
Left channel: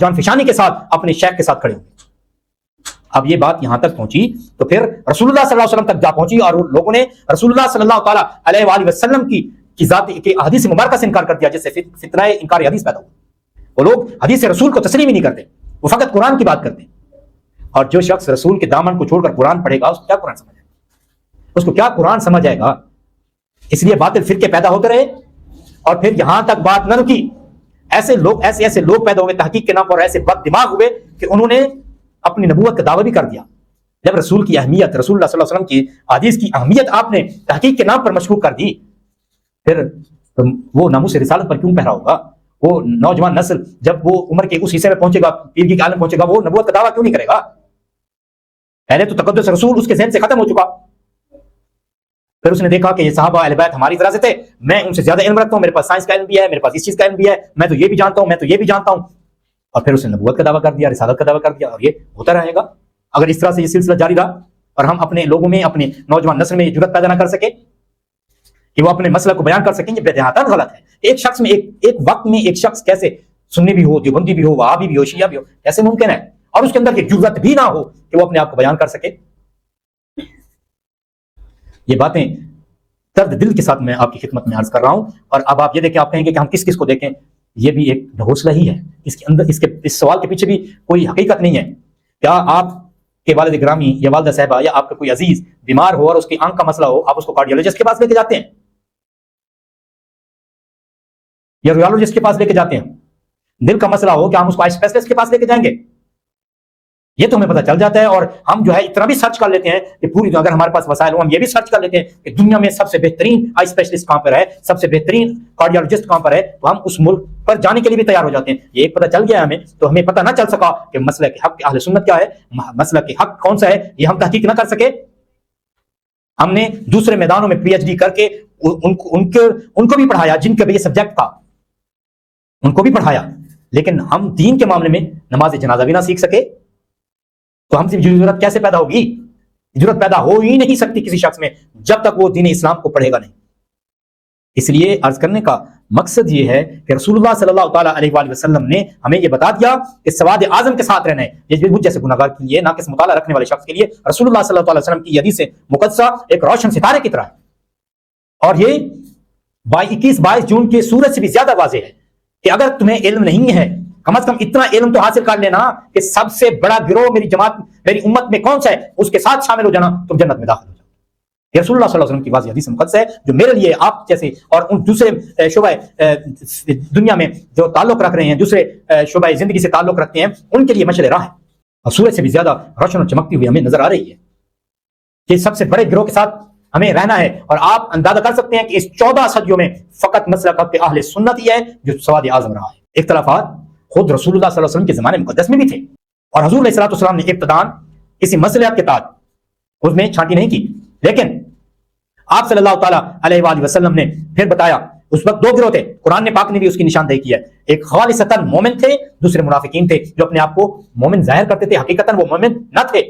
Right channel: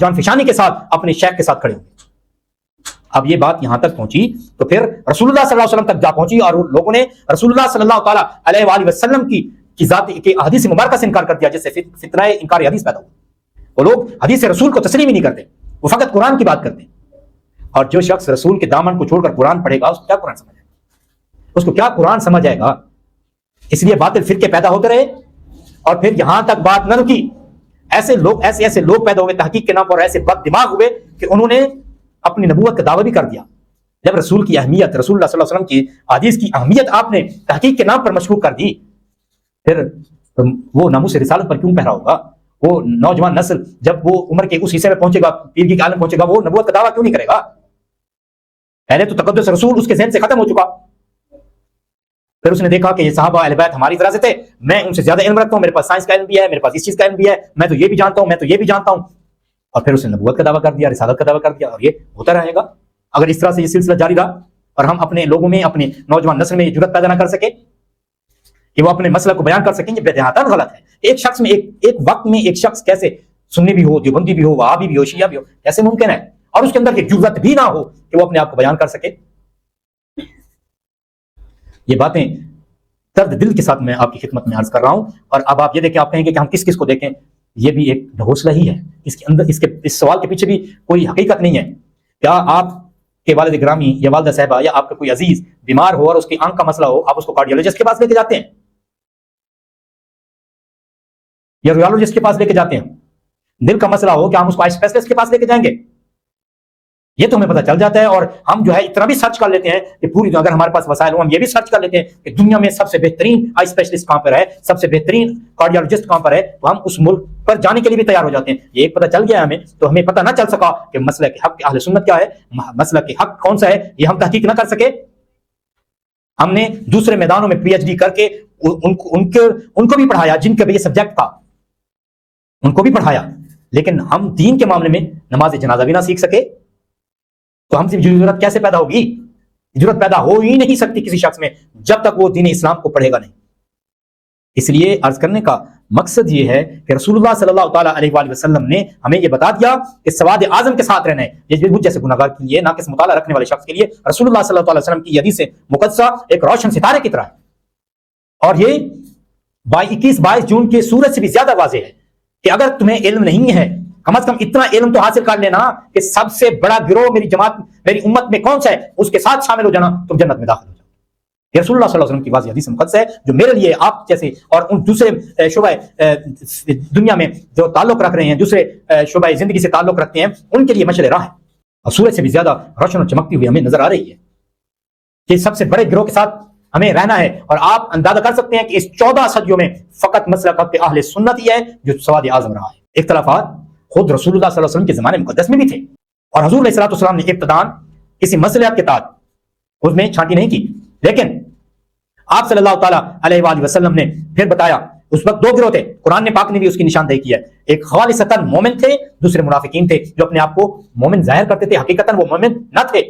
جان فشانی کے ساتھ اپنے شیخ کے ساتھ کھڑے. اب یہ بات یہاں تک پہنچی تو پھر رسول اللہ صلی اللہ علیہ وسلم تک جا پہنچی، اور لوگوں نے رسول اللہ صلی اللہ تعالیٰ علیہ وآلہ وسلم کی ذات کی حدیث مبارکہ سے انکار کر دیا، جس سے فتنہ انکار حدیث پیدا. وہ لوگ حدیث رسول کو تسلیم ہی نہیں کرتے، وہ فقط قرآن کی بات کرتے ہیں. اور جو شخص رسول کے دامن کو چھوڑ کر قرآن پڑھے گا، اس کو کیا قرآن سمجھ آئے گا؟ اس کو کیا قرآن سمجھ آئے گا؟ اس لیے باطل فرقے پیدا ہوتے رہے، اور پھر یہاں تک بات نہ رکی. ایسے لوگ پیدا ہوئے تحقیق کے نام پر، ایسے بد دماغ ہوئے کہ انہوں نے اپنی نبوت کا دعویٰ بھی کر دیا. جب رسول کی اہمیت، رسول اللہ صلی اللہ علیہ وسلم کی حدیث کی اہمیت آپ نے تحقیق کے نام پر مشکوک کر دی، پھر وہ ناموس رسالت پر کیوں پہرا ہوگا؟ وہ نوجوان نسل جب وہ عمر کے اس حصے میں پہنچے گا، پیر کی عالم پہنچے گا، وہ نبوت کا دعویٰ کیوں نہیں کرے گا؟ پہلے تو تقدس رسول اس کے ذہن سے ختم ہو چکا، پھر اس نے دیکھا کہ یہ صحابہ اہل بیت ہماری وراثت ہے، میں ان سے زیادہ علم رکھتا ہوں، میرے پاس سائنس کا علم بھی ہے، میرے پاس اس چیز کا علم بھی ہے، میں تو یہ بھی جانتا ہوں، میں تو یہ بھی جانتا ہوں، اور پھر اس نے نبوت کا دعویٰ کر دیا، رسالت کا دعویٰ کر دیا، اور یہ ہوتا رہے گا اگر اس طرح سے یہ سلسلہ جاری رہا اور ہم اپنے لوگوں میں، اپنے نوجوان نسل میں یہ جرات پیدا نہ کر سکے کہ وہ اپنے مسئلہ کو بیان کر سکیں، یہ بدیہاتاً غلط ہے۔ ایک شخص میں ایک وقت میں ایک شخص کیسے سنی بھی ہو، دیوبندی بھی ہو، وہابی بھی ہو، شیعہ بھی ہو، کیسے ممکن ہے، اور اس کے اندر یہ جرات بھی نہ ہو کہ وہ اپنے آپ کو بیان کر سکے؟ یہ باتیں درد دل کے ساتھ میں آپ کی خدمت میں عرض کر رہا ہوں، اور اب آپ یہ دیکھیں، آپ کہیں گے کہ ہم کس کس کو دیکھیں، یہ بھی ایک حوصلہ ہی ہے، اس کے اندر اس سوال کے پیچھے بھی کوئی حقیقت نہیں ہے۔ کیا آپ کے والد گرامی یا والدہ صاحبہ یا آپ کا کوئی عزیز بیمار ہو اور اس کی آنکھ کا مسئلہ ہو، آپ اس کو کارڈیولوجسٹ کے پاس لے کے جاتے ہیں یا ریالوجسٹ کے پاس لے کے جاتے ہیں؟ دل کا مسئلہ ہو کیا ہم اس کو آئی اسپیشلسٹ کے پاس لے کے جائیں گے؟ یہ تو ہمیں پتہ چل جاتا ہے، اور ہم جو ہے اتنا بھی سرچ کر لیتے ہیں کہ پوری، اگر ہمارے پاس وسائل ہو ہم یہ بھی سرچ کر لیتے ہیں کہ دنیا میں سب سے بہترین آئی اسپیشلسٹ کہاں پر ہے، سب سے بہترین کارڈیولوجسٹ کہاں پر ہے، تو ہم اس ملک پر جانے کے لیے بھی تیار ہو جاتے ہیں۔ یہ پتہ چل گیا ہمیں، تو ہمیں پتہ نہ چل سکا کہ مسئلہ کے حق اہل سنت کیا ہے، مسئلہ کے حق کون سا ہے، یہ ہم تحقیق نہ کر سکے۔ ہم نے دوسرے میدانوں میں پی ایچ ڈی کر کے ان کو بھی پڑھایا، جن کا بھی سبجیکٹ تھا ان کو بھی پڑھایا، لیکن ہم دین کے معاملے میں نماز جنازہ بھی نہ سیکھ سکے، تو ہم سے ضرورت کیسے پیدا ہوگی؟ ضرورت پیدا ہو ہی نہیں سکتی کسی شخص میں جب تک وہ دین اسلام کو پڑھے گا نہیں۔ اس لیے عرض کرنے کا مقصد یہ ہے کہ رسول اللہ صلی اللہ تعالیٰ علیہ وآلہ وسلم نے ہمیں یہ بتا دیا کہ سواد اعظم کے ساتھ رہنا ہے، یہ جیسے گناہگار کے لیے، نہ کہ مطالعہ رکھنے والے شخص کے لیے۔ رسول اللہ صلی اللہ علیہ وسلم کی حدیث مقدسہ ایک روشن ستارے کی طرح ہے، اور یہ 21-22 جون کے سورج سے بھی زیادہ واضح ہے کہ اگر تمہیں علم نہیں ہے، کم از کم اتنا علم تو حاصل کر لینا کہ سب سے بڑا گروہ میری جماعت، میری امت میں کون سا ہے، اس کے ساتھ شامل ہو جانا، تم جنت میں داخل ہو جاؤ۔ یہ رسول اللہ صلی اللہ علیہ وسلم کی واضح حدیث مقدس ہے، جو میرے لیے، آپ جیسے اور ان دوسرے شعبہ دنیا میں جو تعلق رکھ رہے ہیں، دوسرے شعبہ زندگی سے تعلق رکھتے ہیں، ان کے لیے مشعل راہ ہے، اور سورج سے بھی زیادہ روشن اور چمکتی ہوئی ہمیں نظر آ رہی ہے کہ سب سے بڑے گروہ کے ساتھ ہمیں رہنا ہے۔ اور آپ اندازہ کر سکتے ہیں کہ اس 14 صدیوں میں فقط مسلک اہل سنت ہی ہے جو سواد اعظم رہا ہے۔ اختلافات خود رسول اللہ صلی اللہ علیہ وسلم کے زمانے مقدس میں بھی تھے، اور حضور علیہ السلام نے ابتداءً کسی مسئلے کے تحت اس میں چھانٹی نہیں کی، لیکن آپ صلی اللہ تعالیٰ علیہ وآلہ وسلم نے پھر بتایا۔ اس وقت 2 گروہ تھے، قرآن پاک نے بھی اس کی نشاندہی کی ہے، ایک خالصتاً مومن تھے، دوسرے منافقین تھے جو اپنے آپ کو مومن ظاہر کرتے تھے، حقیقتاً وہ مومن نہ تھے،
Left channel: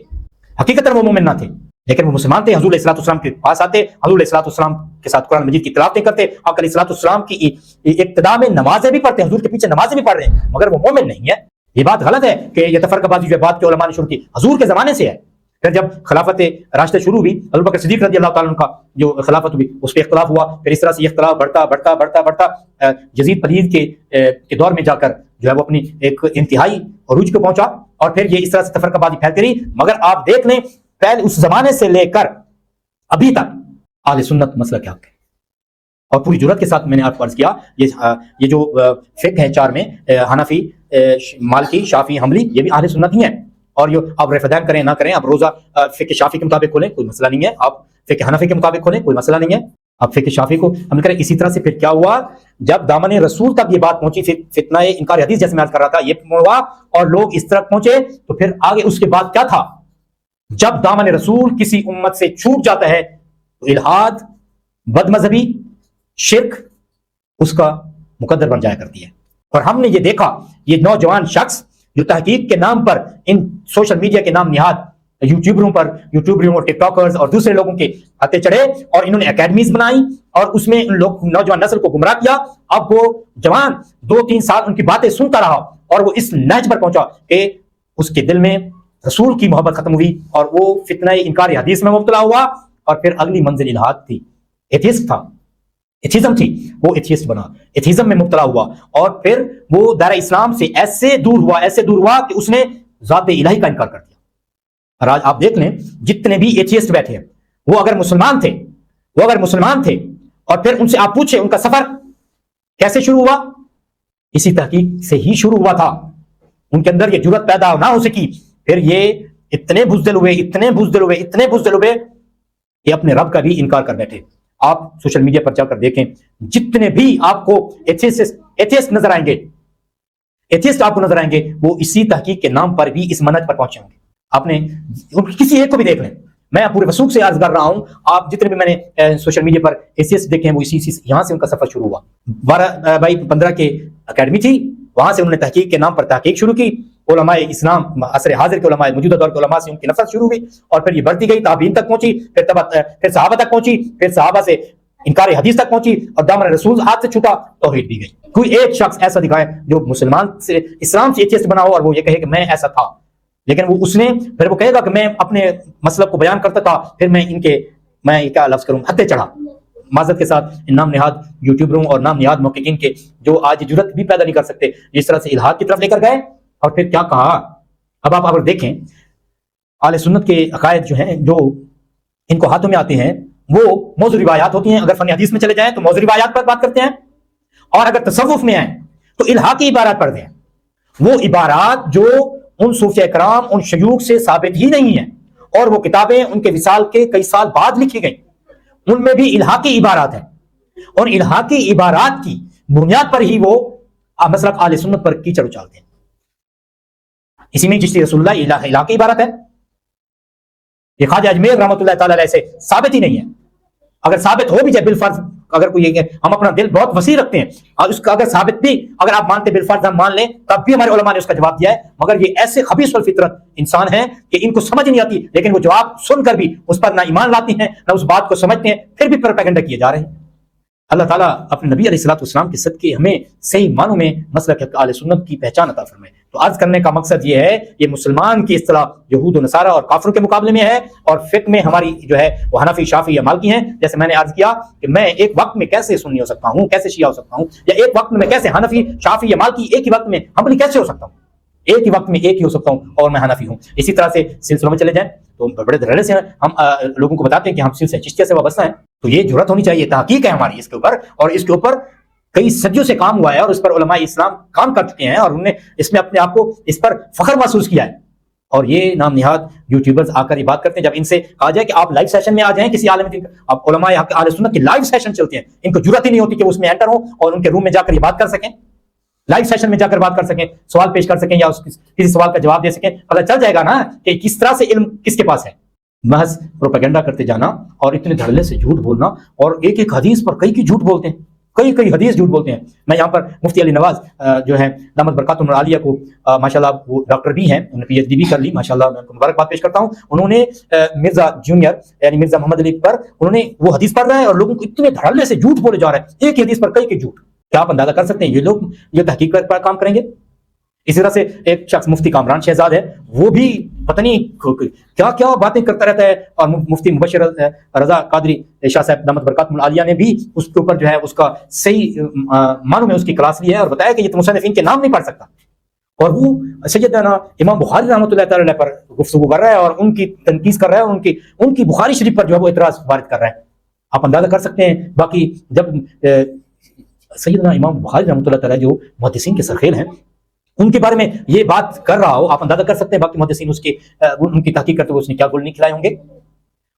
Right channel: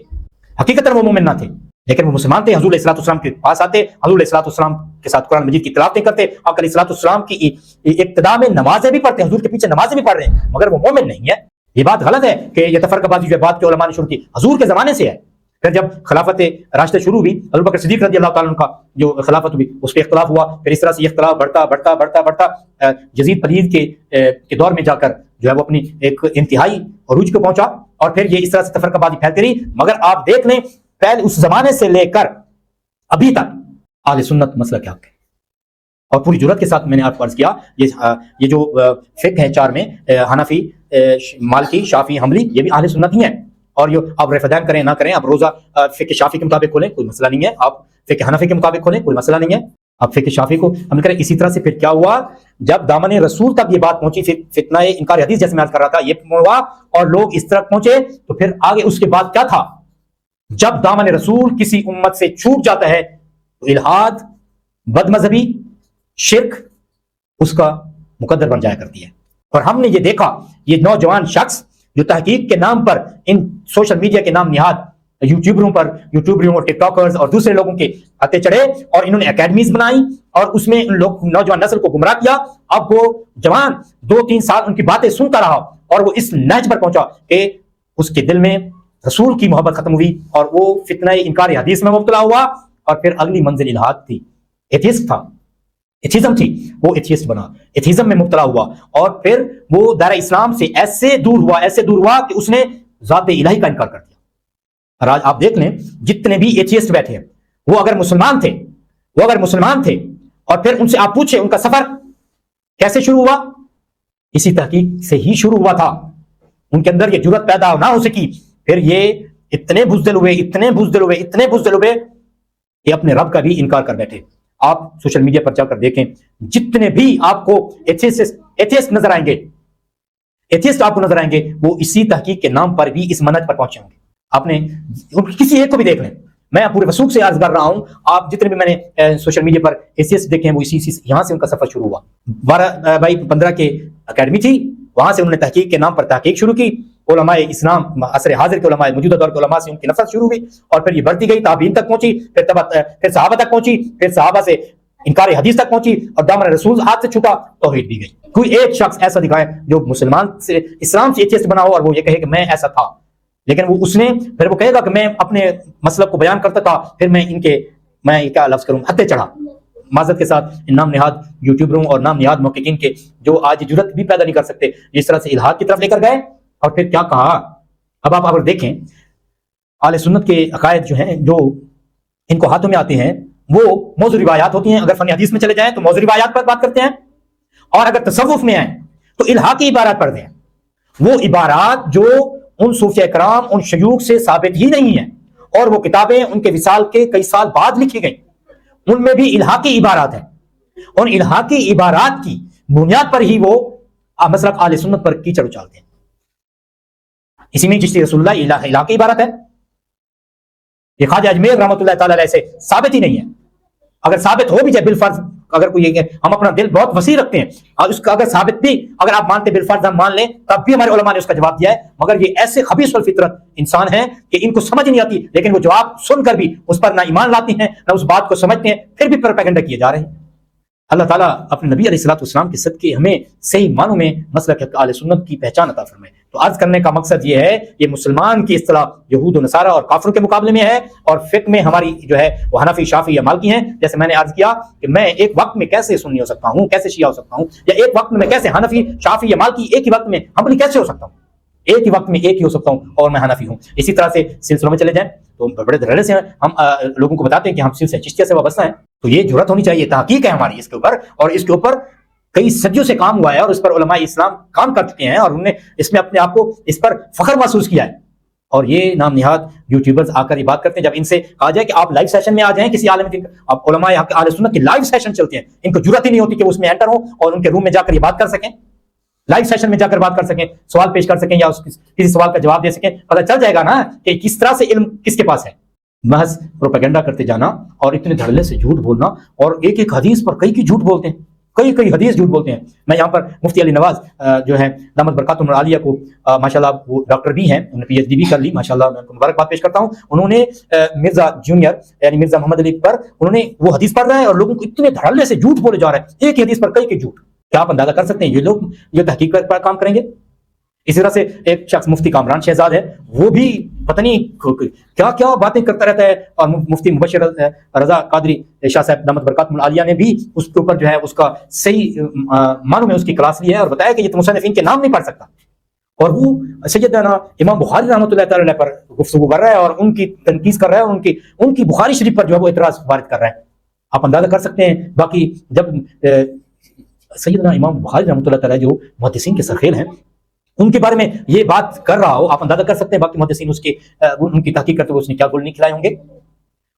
حقیقتاً وہ مومن نہ تھے، لیکن وہ مسلمان تھے۔ حضور علیہ السلام کے پاس آتے، حضور علیہ السلام کے ساتھ قرآن مجید کی تلاوتیں کرتے، اور علیہ السلام کی ابتدا میں نمازیں بھی پڑھتے، حضور کے پیچھے نمازیں بھی پڑھ رہے ہیں، مگر وہ مومن نہیں ہے۔ یہ بات غلط ہے کہ یہ تفرقہ بازی جو بات کے علماء نے شروع کی، حضور کے زمانے سے ہے۔ پھر جب خلافت راشدہ شروع ہوئی، ابو بکر صدیق رضی اللہ تعالیٰ عنہ کا جو خلافت ہوئی، اس پہ اختلاف ہوا، پھر اس طرح سے یہ اختلاف بڑھتا یزید پلید کے دور میں جا کر جو ہے وہ اپنی ایک انتہائی عروج کو پہنچا، اور پھر یہ اس طرح سے تفرقہ بازی پھیلتی رہی۔ مگر آپ دیکھ لیں پہلے اس زمانے سے لے کر ابھی تک اہل سنت مسئلہ کیا ہے، اور پوری جرات کے ساتھ میں نے آپ کو عرض کیا، یہ جو فقہ ہیں 4 میں، حنفی، مالکی، شافعی، حنبلی، یہ بھی اہل سنت ہی ہیں۔ اور جو آپ رفدین کریں نہ کریں، آپ روزہ فقہ شافعی کے مطابق کھولیں، کوئی مسئلہ نہیں ہے، آپ فقہ حنفی کے مطابق کھولیں، کوئی مسئلہ نہیں ہے، آپ فقہ شافعی کو عمل کریں۔ اسی طرح سے پھر کیا ہوا، جب دامن رسول تک یہ بات پہنچی، پھر فتنہ انکار حدیث جیسے میں عرض کر رہا تھا یہ ہوا، اور لوگ اس طرح پہنچے، تو پھر آگے اس کے بعد کیا تھا، جب دامن رسول کسی امت سے چھوٹ جاتا ہے، الحاد، بد مذہبی، شرک اس کا مقدر بن جایا کرتی ہے۔ اور ہم نے یہ دیکھا، یہ نوجوان شخص جو تحقیق کے نام پر ان سوشل میڈیا کے نام نہاد یوٹیوبروں اور ٹک ٹاکرز اور دوسرے لوگوں کے آتے چڑھے، اور انہوں نے اکیڈمیز بنائی، اور اس میں ان لوگ نوجوان نسل کو گمراہ کیا۔ اب وہ جوان 2-3 سال ان کی باتیں سنتا رہا، اور وہ اس نیچ پر پہنچا کہ اس کے دل میں رسول کی محبت ختم ہوئی، اور وہ فتنہ انکار حدیث میں مبتلا ہوا، اور پھر اگلی منزل الحاد تھی، ایتھیسٹ تھا، ایتھیزم تھی، وہ ایتھیسٹ بنا، ایتھیزم میں مبتلا ہوا، اور پھر وہ دار اسلام سے ایسے دور ہوا کہ اس نے ذات الہی کا انکار کر دیا۔ اور آج آپ دیکھ لیں جتنے بھی ایتھیسٹ بیٹھے ہیں، وہ اگر مسلمان تھے اور پھر ان سے آپ پوچھیں ان کا سفر کیسے شروع ہوا، اسی تحقیق سے ہی شروع ہوا تھا، ان کے اندر یہ جرأت پیدا نہ ہو سکی، پھر یہ اتنے بزدل ہوئے کہ اپنے رب کا بھی انکار کرنے تھے۔ آپ سوشل میڈیا پر جا کر دیکھیں، جتنے بھی آپ کو ایتھیسٹ نظر آئیں گے، وہ اسی تحقیق کے نام پر بھی اس منہج پر پہنچے ہوں گے۔ آپ نے کسی ایک کو بھی دیکھ لیں، میں پورے وسوخ سے عرض کر رہا ہوں، آپ جتنے بھی میں نے سوشل میڈیا پر حیثیت دیکھے ہیں وہ اسی یہاں سے ان کا سفر شروع ہوا۔ 12/15 کے اکیڈمی تھی، وہاں سے انہوں نے تحقیق کے نام پر تحقیق شروع کی، علماء اسلام عصر حاضر کے علماء، موجودہ دور کے علماء سے ان کی نفرت شروع ہوئی، اور پھر یہ بڑھتی گئی، تابعین تک پہنچی، پھر صحابہ تک پہنچی، پھر صحابہ سے انکار حدیث تک پہنچی، اور دامن رسول ہاتھ سے چھوٹا توحید بھی گئی۔ کوئی ایک شخص ایسا دکھائے جو مسلمان سے اسلام سے ایتھیسٹ بنا ہو اور وہ یہ کہے کہ میں ایسا تھا، لیکن وہ اس نے پھر وہ کہے گا کہ میں اپنے مسلک کو بیان کرتا تھا، پھر میں کیا لفظ کروں، ہتھے چڑھا۔ معذرت کے ساتھ ان نام نہاد یوٹیوبروں اور نام نہاد محققین کے جو آج جرأت بھی پیدا نہیں کر سکتے، جس طرح سے الحاد کی طرف لے کر گئے اور پھر کیا کہا۔ اب آپ اگر دیکھیں اہل سنت کے عقائد جو ہیں، جو ان کو ہاتھوں میں آتے ہیں، وہ موضوع روایات ہوتی ہیں۔ اگر فن حدیث میں چلے جائیں تو موضوع روایات پر بات کرتے ہیں، اور اگر تصوف میں ہے تو الحادی عبارات پڑھتے ہیں، وہ عبارات جو ان صوفیاء کرام، ان شیوخ سے ثابت ہی نہیں ہیں، اور وہ کتابیں ان کے وصال کے کئی سال بعد لکھی گئی، ان میں بھی الحاقی عبارات ہیں، اور الحاقی عبارات کی بنیاد پر ہی وہ مسلک اہل سنت پر کیچڑ اچالتے ہیں۔ اسی میں چشتی رسول اللہ یہ الحاقی عبارت ہے، یہ خواجہ اجمیر رحمۃ اللہ تعالی علیہ سے ثابت ہی نہیں ہے۔ اگر ثابت ہو بھی جائے بالفرض، اگر کوئی یہ کہ ہم اپنا دل بہت وسیع رکھتے ہیں اور اس کا اگر ثابت بھی اگر آپ مانتے ہیں بالفرض ہم مان لیں، تب بھی ہمارے علماء نے اس کا جواب دیا ہے، مگر یہ ایسے خبیث الفطرت انسان ہیں کہ ان کو سمجھ نہیں آتی، لیکن وہ جواب سن کر بھی اس پر نہ ایمان لاتے ہیں، نہ اس بات کو سمجھتے ہیں، پھر بھی پروپیگنڈا کیے جا رہے ہیں۔ اللہ تعالیٰ اپنے نبی علیہ الصلوۃ والسلام کے صدقے ہمیں صحیح معنوں میں مسلک اہل سنت کی پہچان عطا فرمائے۔ تو عرض کرنے کا مقصد یہ ہے، یہ مسلمان کی اصطلاح یہود و نصارہ اور کافروں کے مقابلے میں ہے، اور فقہ میں ہماری جو ہے وہ حنفی، شافعی یا مالکی ہیں۔ جیسے میں نے عرض کیا کہ میں ایک وقت میں کیسے سنی ہو سکتا ہوں، کیسے شیعہ ہو سکتا ہوں، یا ایک وقت میں کیسے حنفی، شافعی یا مالکی، ایک ہی وقت میں حنبلی کیسے ہو سکتا ہوں، ایک ہی وقت میں ایک ہی ہو سکتا ہوں اور میں حنفی ہوں۔ اسی طرح سے سلسلوں میں چلے جائیں تو بڑے دھڑے سے ہم لوگوں کو بتاتے ہیں کہ ہم سلسلہ چشتیہ سے وابستہ ہیں، تو یہ جرات ہونی چاہیے، تحقیق ہے ہماری اس کے اوپر، اور اس کے اوپر کئی صدیوں سے کام ہوا ہے، اور اس پر علماء اسلام کام کر چکے ہیں، اور انہوں نے اس میں اپنے آپ کو اس پر فخر محسوس کیا ہے۔ اور یہ نام نہاد یوٹیوبرز آ کر یہ بات کرتے ہیں، جب ان سے کہا جائے کہ آپ لائیو سیشن میں آ جائیں کسی عالم کی، اب علماء آپ کے اہل سنت کے لائیو سیشن چلتے ہیں، ان کو جرات ہی نہیں ہوتی کہ وہ اس میں انٹر ہوں اور ان کے روم میں جا کر یہ بات کر سکیں، لائیو سیشن میں جا کر بات کر سکیں، سوال پیش کر سکیں، یا کسی سوال کا جواب دے سکیں۔ اگر چل جائے گا نا کہ کس طرح سے علم کس کے پاس ہے، محض پروپیگنڈا کرتے جانا اور اتنے دھڑلے سے جھوٹ بولنا، اور ایک ایک حدیث پر کئی جھوٹ بولتے ہیں، کئی حدیث جھوٹ بولتے ہیں۔ میں یہاں پر مفتی علی نواز جو ہے دامت برکاتہم العالیہ کو ماشاءاللہ وہ ڈاکٹر بھی ہیں، انہوں نے پی ایچ ڈی بھی کر لی، ماشاءاللہ میں مبارکباد پیش کرتا ہوں۔ انہوں نے مرزا جونیئر یعنی مرزا محمد علی پر انہوں نے وہ حدیث پڑھ رہے ہیں، اور لوگوں کو اتنے دھڑلے سے جھوٹ بولے جا رہے ہیں، ایک ہی حدیث پر کئی جھوٹ۔ کیا آپ اندازہ کر سکتے ہیں یہ لوگ یہ تحقیق پر کام کریں گے؟ اسی طرح سے ایک شخص مفتی کامران شہزاد ہیں، وہ بھی پتہ نہیں کیا اور باتیں کرتا رہتا ہے، اور مفتی مبشر رضا قادری شاہ صاحب دامت برکاتہم العالیہ نے بھی اس کے اوپر جو ہے اس کا صحیح معنوں میں اس کی کلاس لی ہے، اور بتایا کہ یہ تو مصنفین کے نام نہیں پڑھ سکتا، اور وہ سیدنا امام بخاری رحمۃ اللہ تعالی پر گفتگو کر رہا ہے اور ان کی تنقید کر رہا ہے، ان کی بخاری شریف پر جو ہے وہ اعتراض وارد کر رہا ہے۔ آپ اندازہ کر سکتے ہیں۔ باقی جب سیدنا امام بخاری رحمۃ اللہ تعالی جو محدثین کے سرخیل ہیں، ان کے بارے میں یہ بات کر رہا ہو، آپ اندازہ کر سکتے ہیں باقی محدثین ان کی تحقیق کرتے ہوئے اس نے کیا گول نہیں کھلائے ہوں گے۔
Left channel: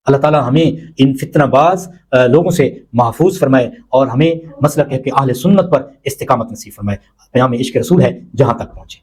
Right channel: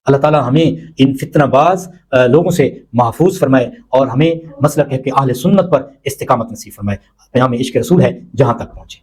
اللہ تعالیٰ ہمیں ان فتنہ باز لوگوں سے محفوظ فرمائے، اور ہمیں مسلک اہل سنت پر استقامت نصیب فرمائے۔ پیام عشق رسول ہے جہاں تک پہنچے۔